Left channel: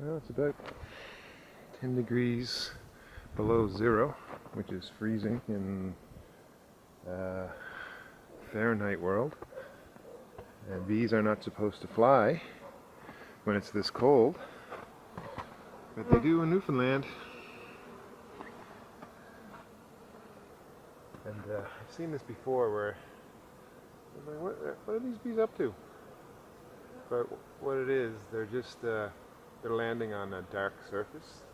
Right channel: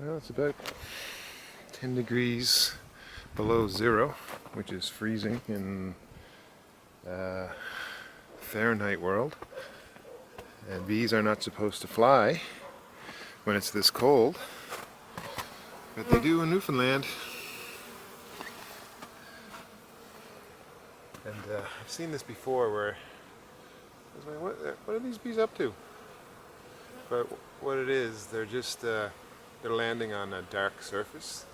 Well, it's about 10 degrees below zero, which is freezing in Fahrenheit world. And bees are not supposed to fly when it's this cold, but they do in Newfoundland. And I've seen this before where I was like, what are these bees up to? But what it is, they're landing on a dark surface,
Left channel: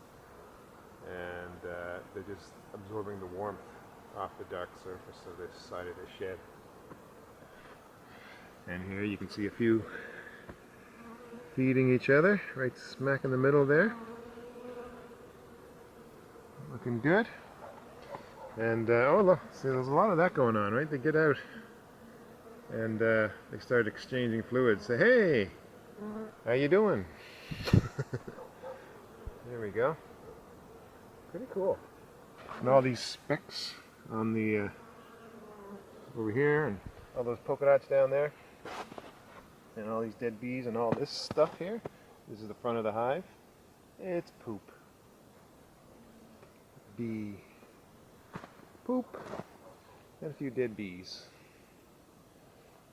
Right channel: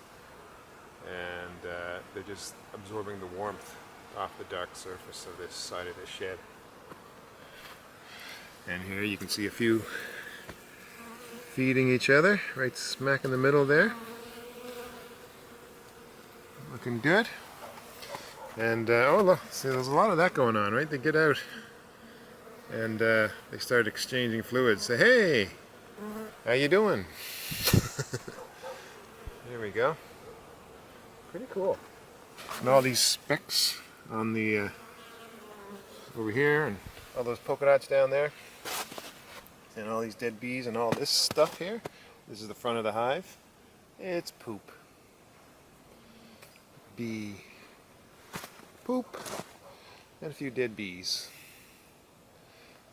and they're just absorbing the warmth off the dark surface of this side of the shed. And here you can see a few feeding each other right smack in the middle there. Looking good. And oh look, see, there's a lot of that going on, right? They get out and they start exchanging fluids. Say, hey, how you doing? There we go. Pretty cool. And all these specks on the over here, and all those polka dots down there, and all these dead bees, and all this stuff here. This is the front of the hive. It's poop. Bee poop and a few dead bees.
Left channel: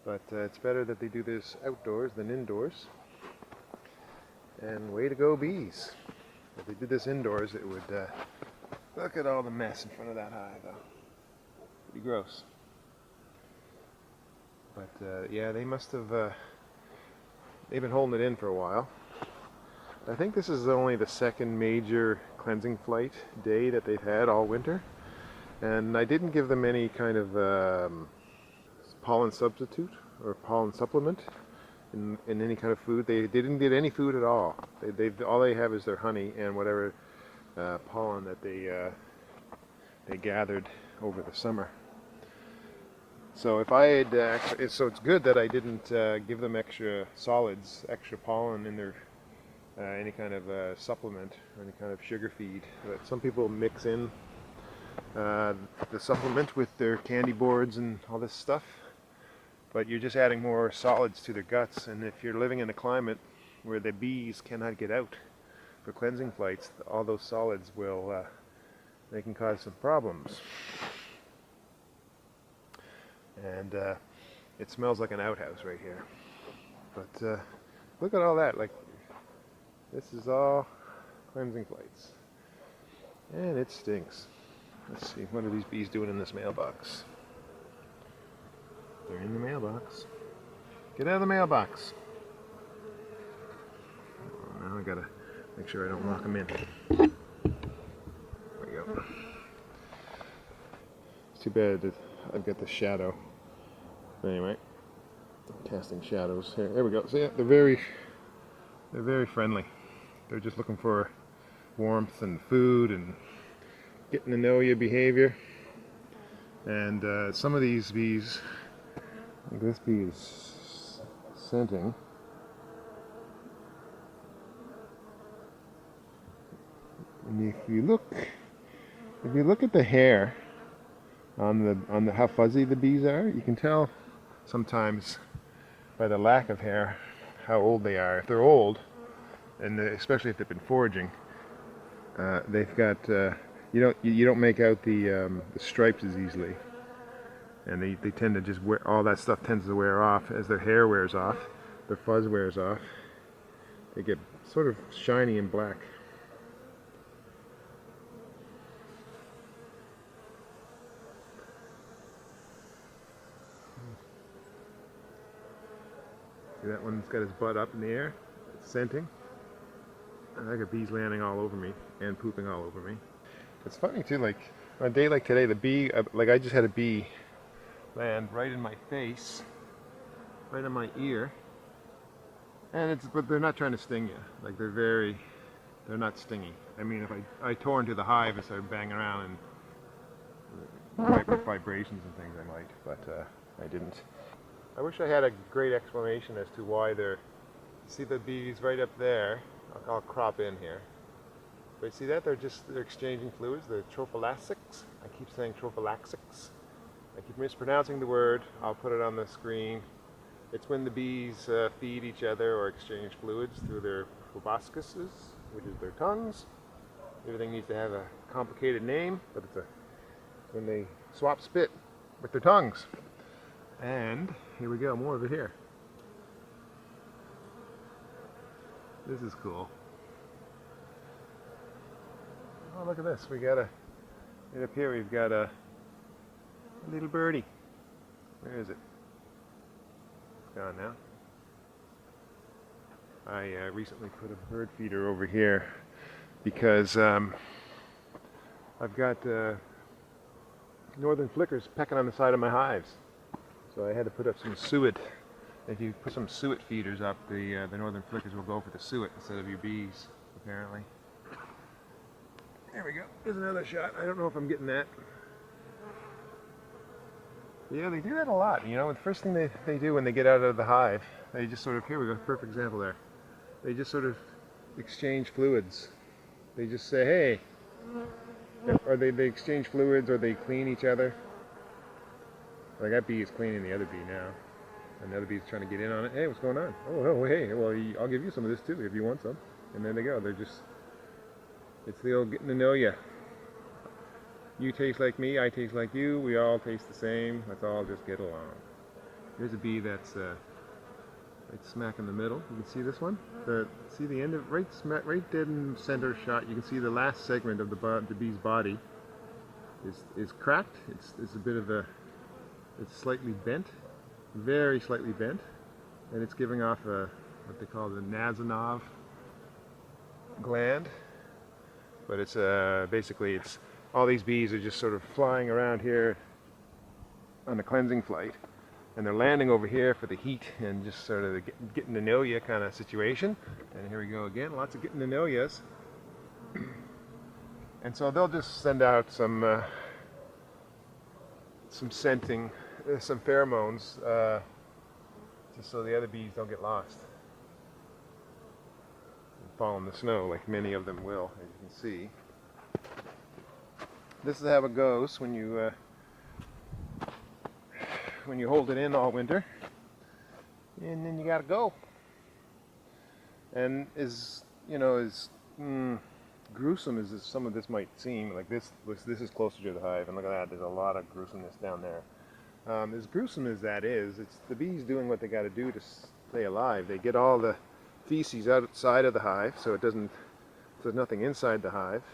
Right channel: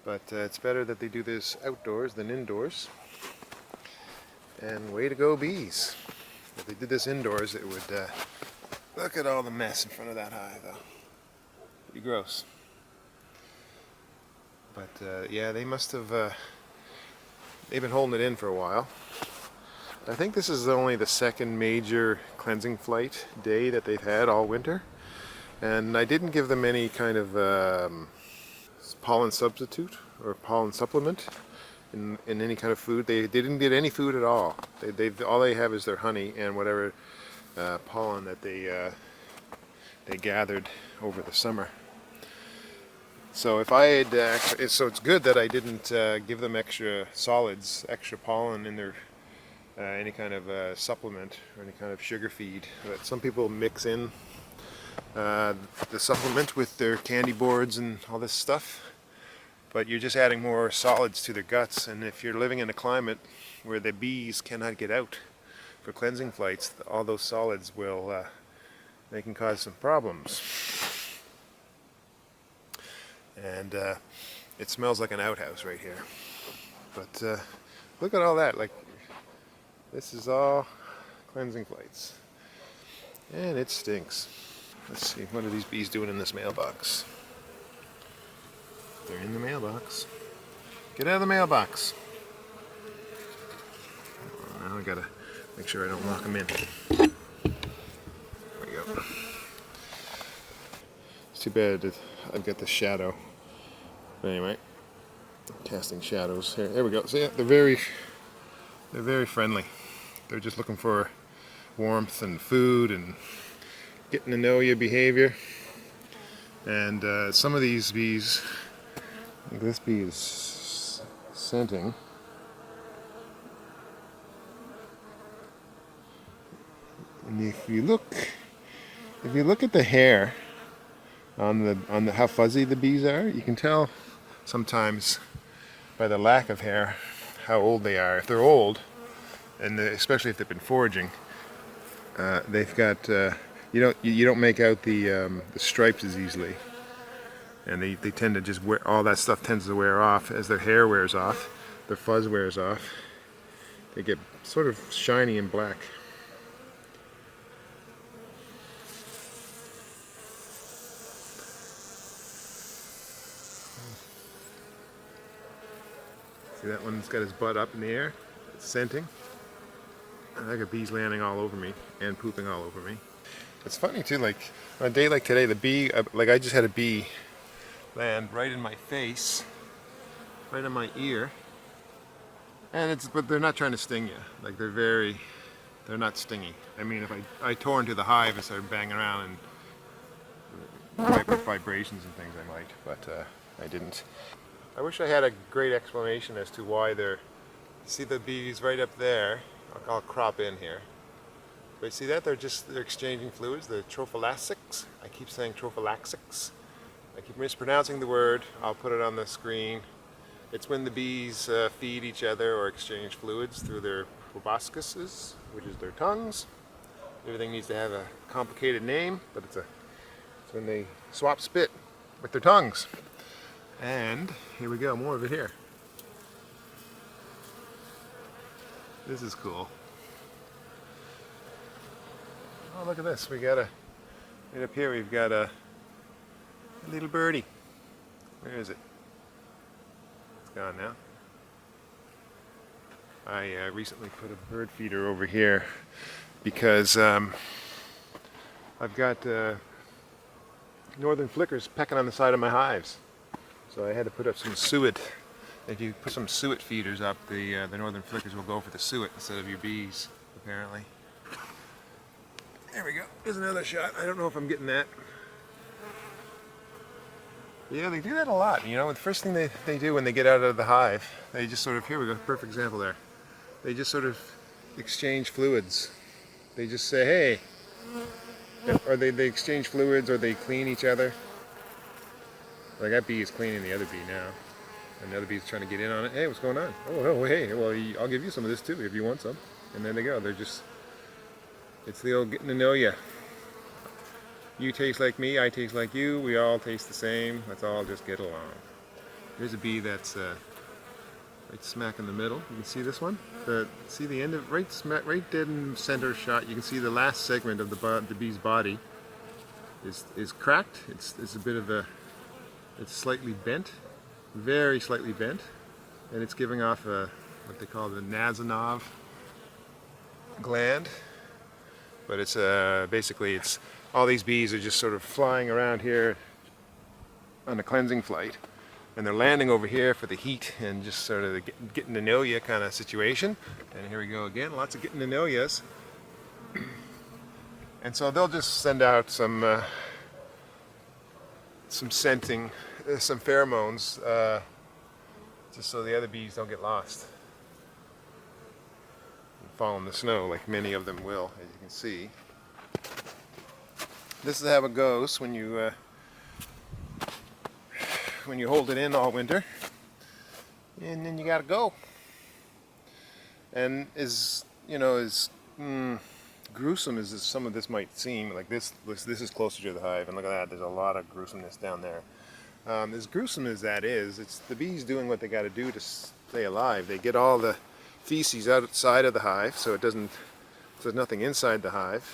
But it's better that they do this outdoors than indoors. And way to go, bees. If they did this indoors, it would look at all the mess in front of that hive, though. Pretty gross. But yeah, they must have they've been holding it in for a while. I think this is only the second major cleansing flight day that they've had all winter. And I didn't give them any kind of pollen substitute or pollen supplement in any kind of food. They didn't get any food at all. All they have is their honey and whatever pollen that they gathered over the summer. So if I had, so it's good that I didn't give them extra solids, extra pollen in their any kind of supplement or any kind of sugar feed. But some people mix in the supplement with their candy boards and all this stuff, but you're just adding more solids to their guts. And if you're living in a climate where the bees cannot get out for cleansing flights, all those solids will they can cause some problems. And it smells like an outhouse right here. But look at all that. Like, this is all cleansing flights, and it stinks. Let's see, what are these bees doing in this mailbox? They're in the mailbox. Get out of the mailbox. Now I gotta make sure I don't lock them in. There we go. It's too bad that I've got the shadow. But anyway, casting shadows here. There we go. So yeah, they're very friendly. They're just looking for warmth and food and getting to know your behavior. And some of these bees, like this bee is scenting. And if you look at the hair on the how fuzzy the bees are, you can tell sometimes by the lack of hair how old they are. If they're old, and especially if they've been foraging, they've got you don't make out the stripes as easily, and they tend to just wear, all that stuff tends to wear off as their hair wears off, their fuzz wears off. They get sort of shiny and black. See, that one's got his butt up in the air, it's scenting. And I got bees landing all over me and pooping all over me. It's funny too, like on a day like today, the bee, like I just had a bee land right in my face, right in my ear. And but they're not trying to sting you. Like they're not stingy. I mean, if I tore into the hive and started banging around and with vibrations and things, I might, but I didn't. I wish I had a great explanation as to why see the bees right up there. I'll crop in here. But you see that? They're exchanging fluids. The trophallaxics. I keep saying trophallaxics. I keep mispronouncing the word. I'll put it on the screen. It's when the bees feed each other or exchange fluids through their proboscises, which is their tongues. Everything needs to have a complicated name, but it's when they swap spit with their tongues. And here we go, more of it here. This is cool. Oh, look at this. We got right up here we've got a little birdie. Where is it? It's gone now. I recently put a bird feeder over here because I've got northern flickers pecking on the side of my hives. So I had to put up some suet. If you put some suet feeders up, the northern flickers will go for the suet instead of your bees, apparently. There we go. Here's another shot. I don't know if I'm getting that. But yeah, they do that a lot. You know, the first thing they do when they get out of the hive, they just sort of, here we go, perfect example there. They just sort of exchange fluids. They just say, hey, or they exchange fluids, or they clean each other. Like that bee is cleaning the other bee now. And the other bee's trying to get in on it. Hey, what's going on? Oh, hey, well, I'll give you some of this too if you want some. And there they go. They're just, it's the old getting to know you. You taste like me, I taste like you. We all taste the same. Let's all just get along. Here's a bee that's right smack in the middle. You can see this one. See the end of right dead in center shot. You can see the last segment of the bee's body is cracked. It's a bit of a, it's slightly bent. Very slightly bent, and it's giving off what they call the Nasonov gland. But it's basically it's all these bees are just sort of flying around here on a cleansing flight, and they're landing over here for the heat and just sort of the getting to know you kind of situation. And here we go again, lots of getting to know yous. And so they'll just send out some scenting. Some pheromones, just so the other bees don't get lost and fall in the snow, like many of them will, as you can see. This is how it goes when you hold it in all winter, and then you gotta go. And as gruesome as some of this might seem, like this is closer to the hive, and look at that. There's a lot of gruesomeness down there. As gruesome as that is, it's the bees doing what they got to do to stay alive. They get all the feces outside of the hive, so there's nothing inside the hive.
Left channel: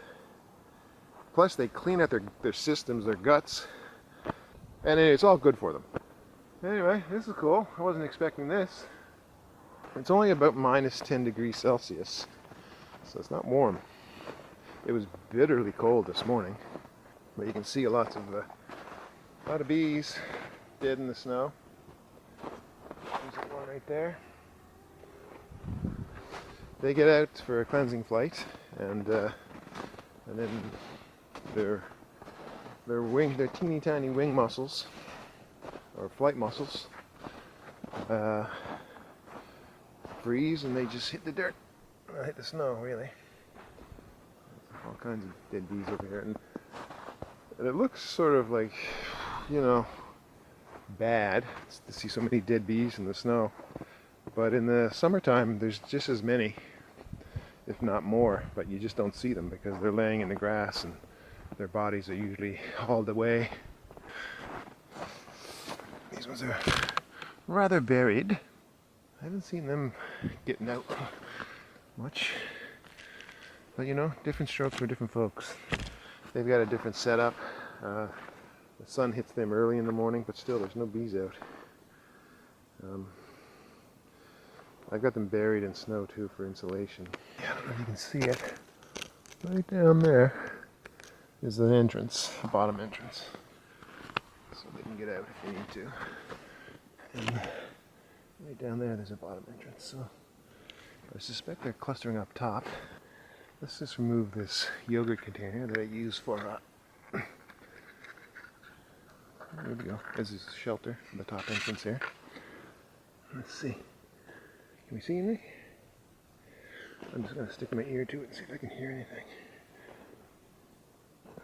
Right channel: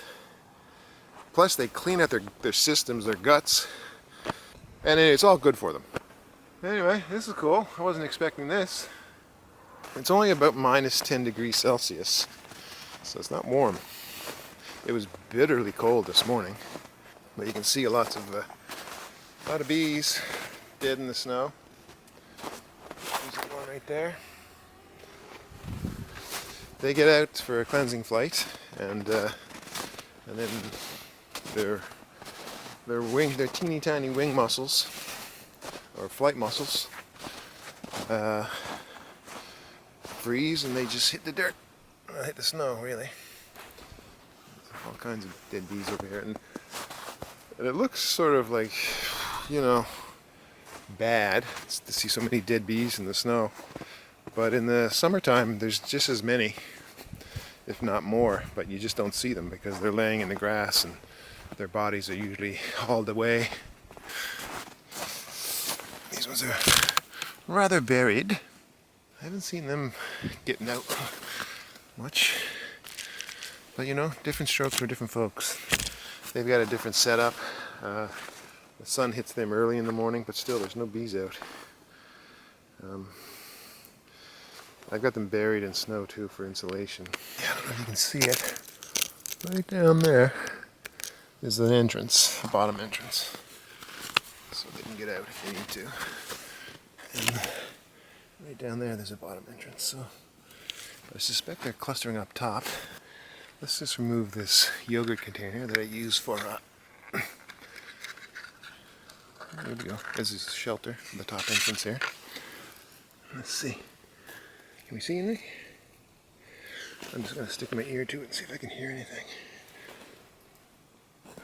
Plus, they clean out their systems, their guts, and it's all good for them. Anyway, this is cool. I wasn't expecting this. It's only about minus 10 degrees Celsius, so it's not warm. It was bitterly cold this morning, but you can see a lot of bees dead in the snow. There's one right there. They get out for a cleansing flight, and then their teeny tiny wing muscles or flight muscles freeze, and they just hit the dirt, hit the snow. Really, there's all kinds of dead bees over here, and it looks sort of like, bad to see so many dead bees in the snow. But in the summertime, there's just as many, if not more, but you just don't see them because they're laying in the grass and their bodies are usually hauled away. These ones are rather buried. I haven't seen them getting out much. But different strokes for different folks. They've got a different setup. The sun hits them early in the morning, but still there's no bees out. I've got them buried in snow too for insulation. Yeah, I don't know if you can see it. Right down there is an entrance, a bottom entrance. So they can get out if they need to. And right down there's a bottom entrance. So I suspect they're clustering up top. Let's just remove this yogurt container that I use for there we go. This is shelter for the top entrance here. Let's see. Can we see anything? I'm just going to stick my ear to it and see if I can hear anything.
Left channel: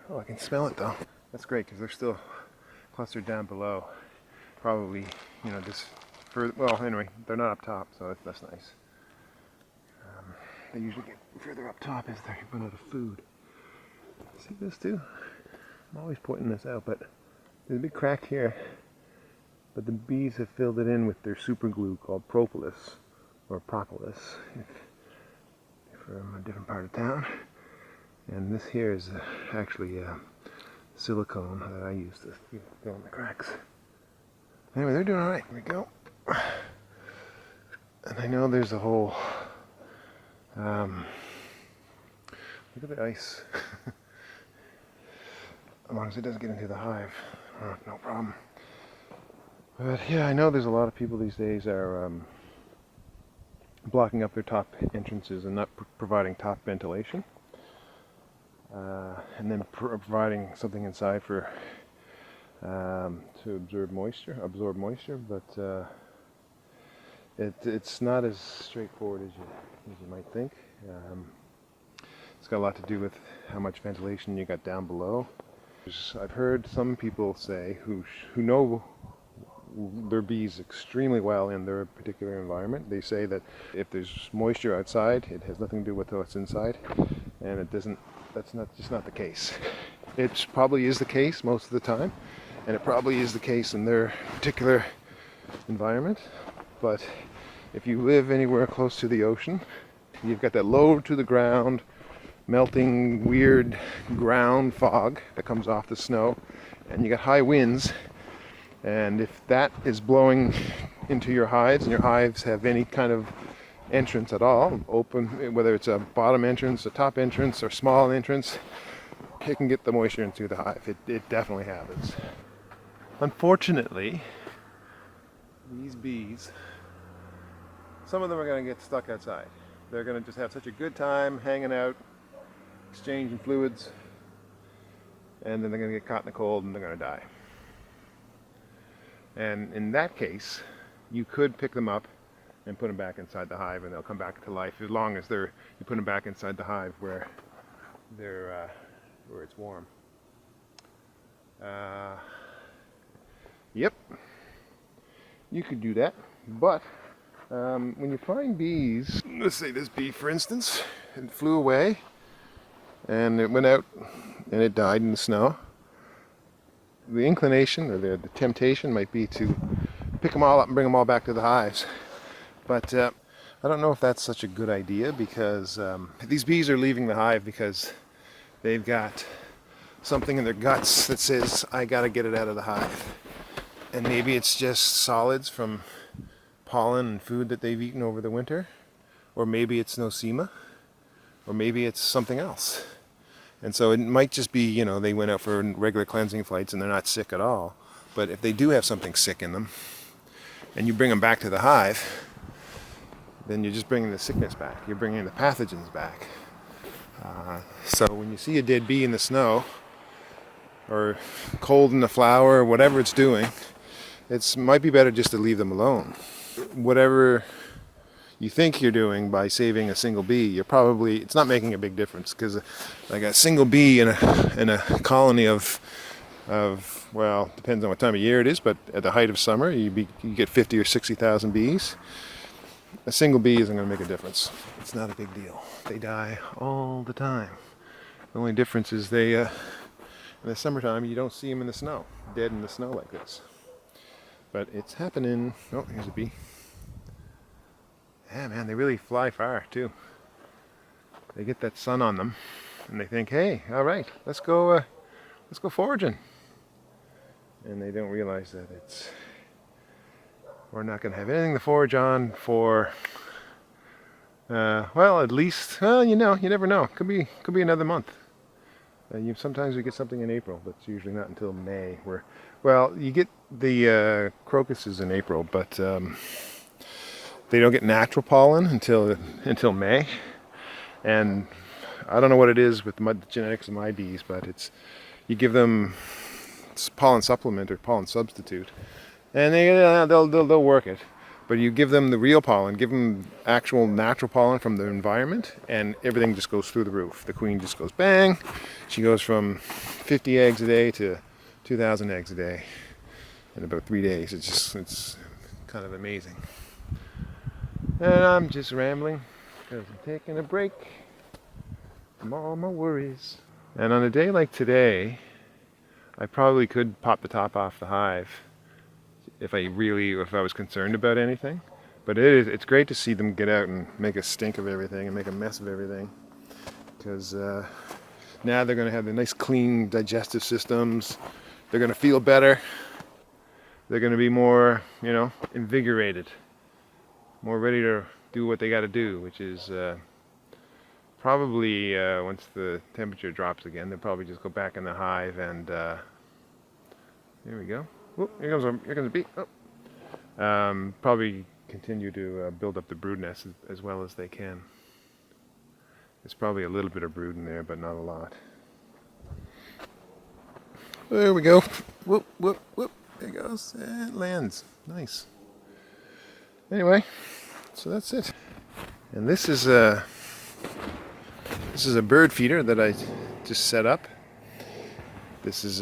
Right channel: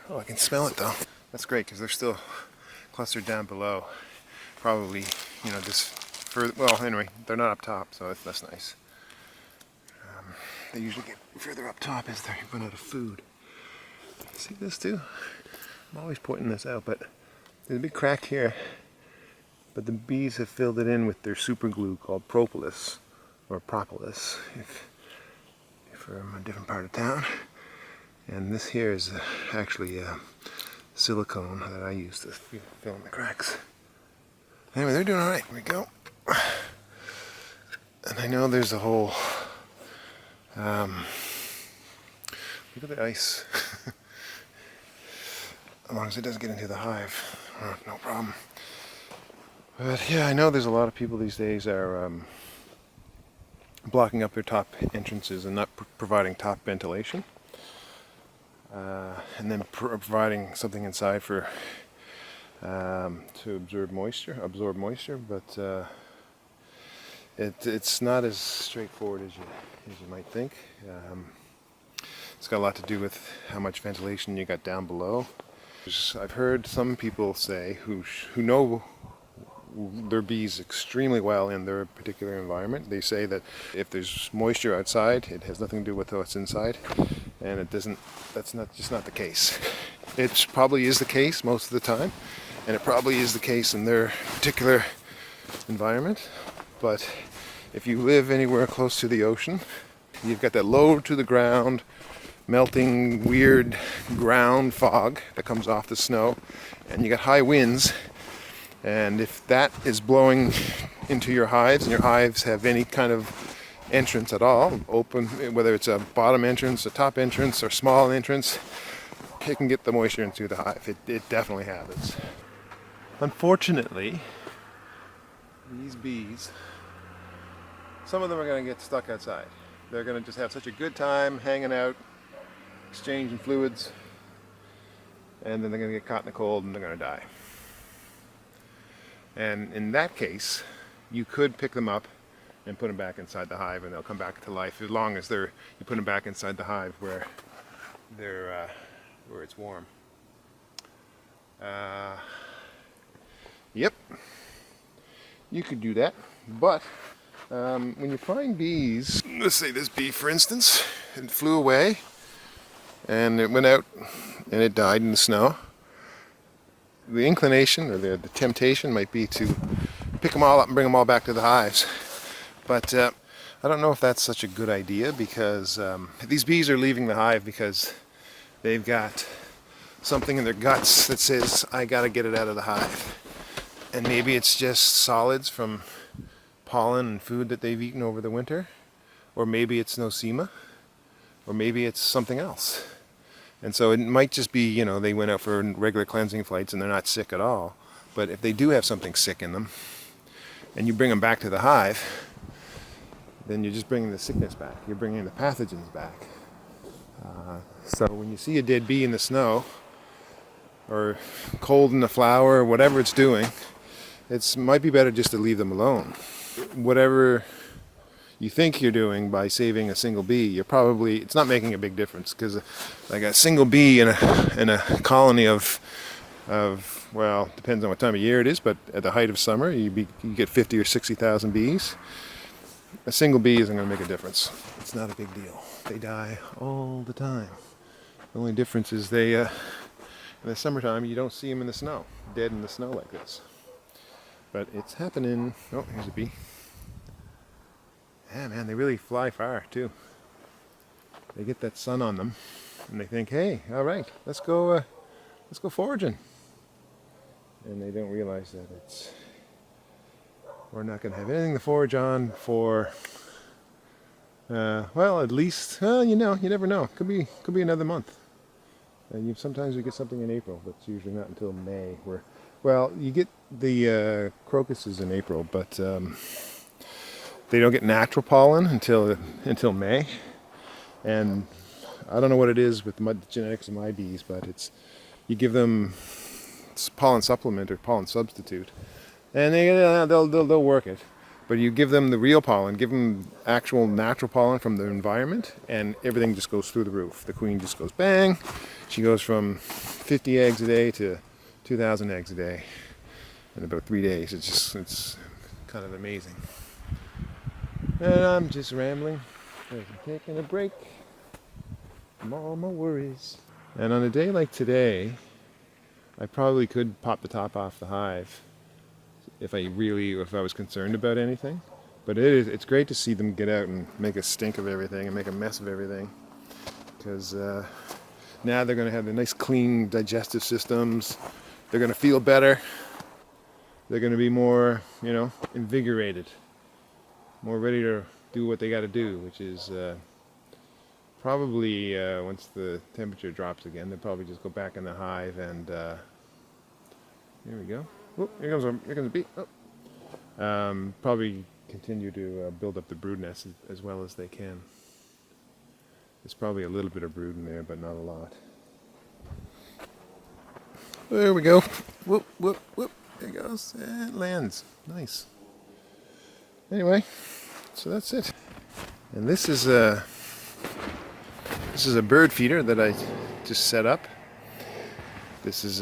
Oh, I can smell it though. That's great because they're still clustered down below. Probably, just further. Well, anyway, they're not up top, so that's nice. They usually get further up top as they run out of food. See this too? I'm always pointing this out, but there's a big crack here. But the bees have filled it in with their super glue called propolis, or propolis, if you're from a different part of town. And this here is actually silicone that I use to fill in the cracks. Anyway, they're doing alright. Here we go. And I know there's a whole... look at the ice. As long as it doesn't get into the hive, no problem. But yeah, I know there's a lot of people these days are blocking up their top entrances and not providing top ventilation. And then providing something inside for to absorb moisture, but it's not as straightforward as you might think. It's got a lot to do with how much ventilation you got down below. I've heard some people say who know their bees extremely well in their particular environment. They say that if there's moisture outside, it has nothing to do with what's inside, and it doesn't. That's not the case. It probably is the case most of the time, and it probably is the case in their particular environment. But if you live anywhere close to the ocean, you've got that low to the ground, melting, weird ground fog that comes off the snow, and you got high winds. And if that is blowing into your hives, and your hives have any kind of entrance at all, open, whether it's a bottom entrance, a top entrance, or small entrance, it can get the moisture into the hive. It definitely happens. Unfortunately, these bees, some of them are going to get stuck outside. They're going to just have such a good time hanging out, exchanging fluids, and then they're going to get caught in the cold and they're going to die. And in that case, you could pick them up and put them back inside the hive, and they'll come back to life as long as you put them back inside the hive where it's warm. Yep, you could do that, but when you find bees, let's say this bee, for instance, it flew away and it went out and it died in the snow. The inclination or the temptation might be to pick them all up and bring them all back to the hives. But I don't know if that's such a good idea, because these bees are leaving the hive because they've got something in their guts that says, I gotta get it out of the hive. And maybe it's just solids from pollen and food that they've eaten over the winter, or maybe it's nosema, or maybe it's something else. And so it might just be, they went out for regular cleansing flights and they're not sick at all. But if they do have something sick in them, and you bring them back to the hive, then you're just bringing the sickness back. You're bringing the pathogens back. So when you see a dead bee in the snow, or cold in the flower, or whatever it's doing, it might be better just to leave them alone. Whatever you think you're doing by saving a single bee, it's not making a big difference, because like a single bee in a colony of well, depends on what time of year it is, but at the height of summer you get 50 or 60,000 bees. A single bee isn't going to make a difference. It's not a big deal. They die all the time. The only difference is in the summertime you don't see them in the snow, dead in the snow like this. But it's happening. Oh, here's a bee. Yeah, man, they really fly far too. They get that sun on them, and they think, "Hey, all right, let's go foraging." And they don't realize that we're not going to have anything to forage on for. Well, at least, you never know. Could be another month. Sometimes we get something in April, but it's usually not until May. You get the crocuses in April, but they don't get natural pollen until May. And I don't know what it is with the genetics of my bees, but you give them pollen supplement or pollen substitute, and they'll work it. But you give them the real pollen, give them actual natural pollen from the environment, and everything just goes through the roof. The queen just goes bang. She goes from 50 eggs a day to 2,000 eggs a day in about 3 days. It's kind of amazing. And I'm just rambling because I'm taking a break from all my worries. And on a day like today, I probably could pop the top off the hive if I was concerned about anything. But it's great to see them get out and make a stink of everything and make a mess of everything. Because now they're going to have the nice clean digestive systems. They're going to feel better. They're going to be more, invigorated. More ready to do what they got to do, which is probably once the temperature drops again, they'll probably just go back in the hive and here we go. Whoop, here comes a bee. Oh. Probably continue to build up the brood nest as well as they can. There's probably a little bit of brood in there, but not a lot. There we go. Whoop, whoop, whoop. There it goes. And it lands. Nice. Anyway, so that's it. And this is a bird feeder that I just set up. This is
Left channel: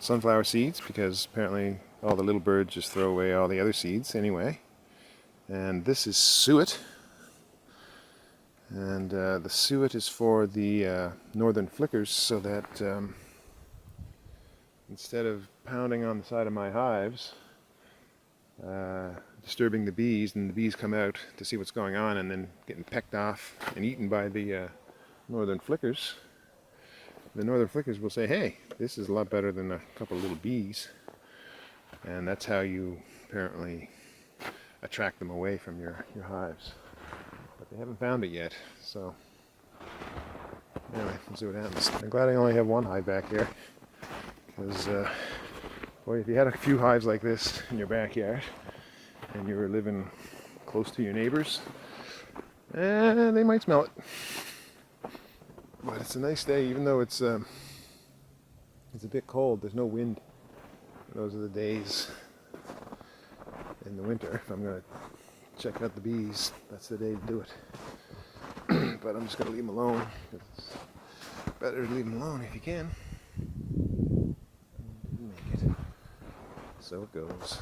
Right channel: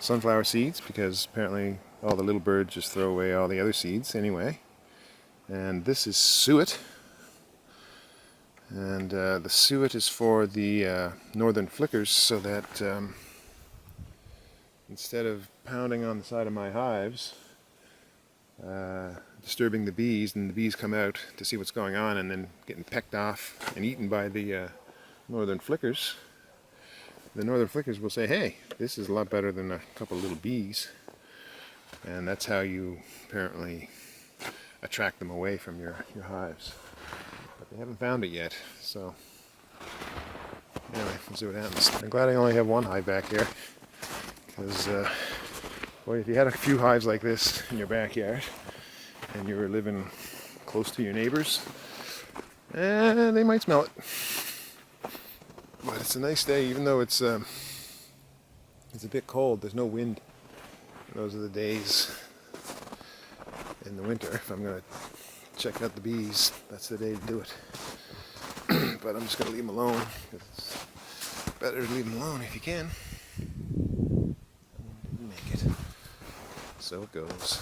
sunflower seeds, because apparently all the little birds just throw away all the other seeds anyway. And this is suet. And the suet is for the northern flickers, so that instead of pounding on the side of my hives, disturbing the bees, and the bees come out to see what's going on and then getting pecked off and eaten by the northern flickers, the northern flickers will say, hey, this is a lot better than a couple of little bees. And that's how you apparently attract them away from your hives. But they haven't found it yet, so anyway, we'll see what happens. I'm glad I only have one hive back here, because boy, if you had a few hives like this in your backyard and you were living close to your neighbors, they might smell it. But it's a nice day, even though it's a bit cold. There's no wind. Those are the days in the winter. If I'm going to check out the bees, that's the day to do it. But I'm just going to leave them alone, because it's better to leave them alone if you can. Didn't make it. So it goes.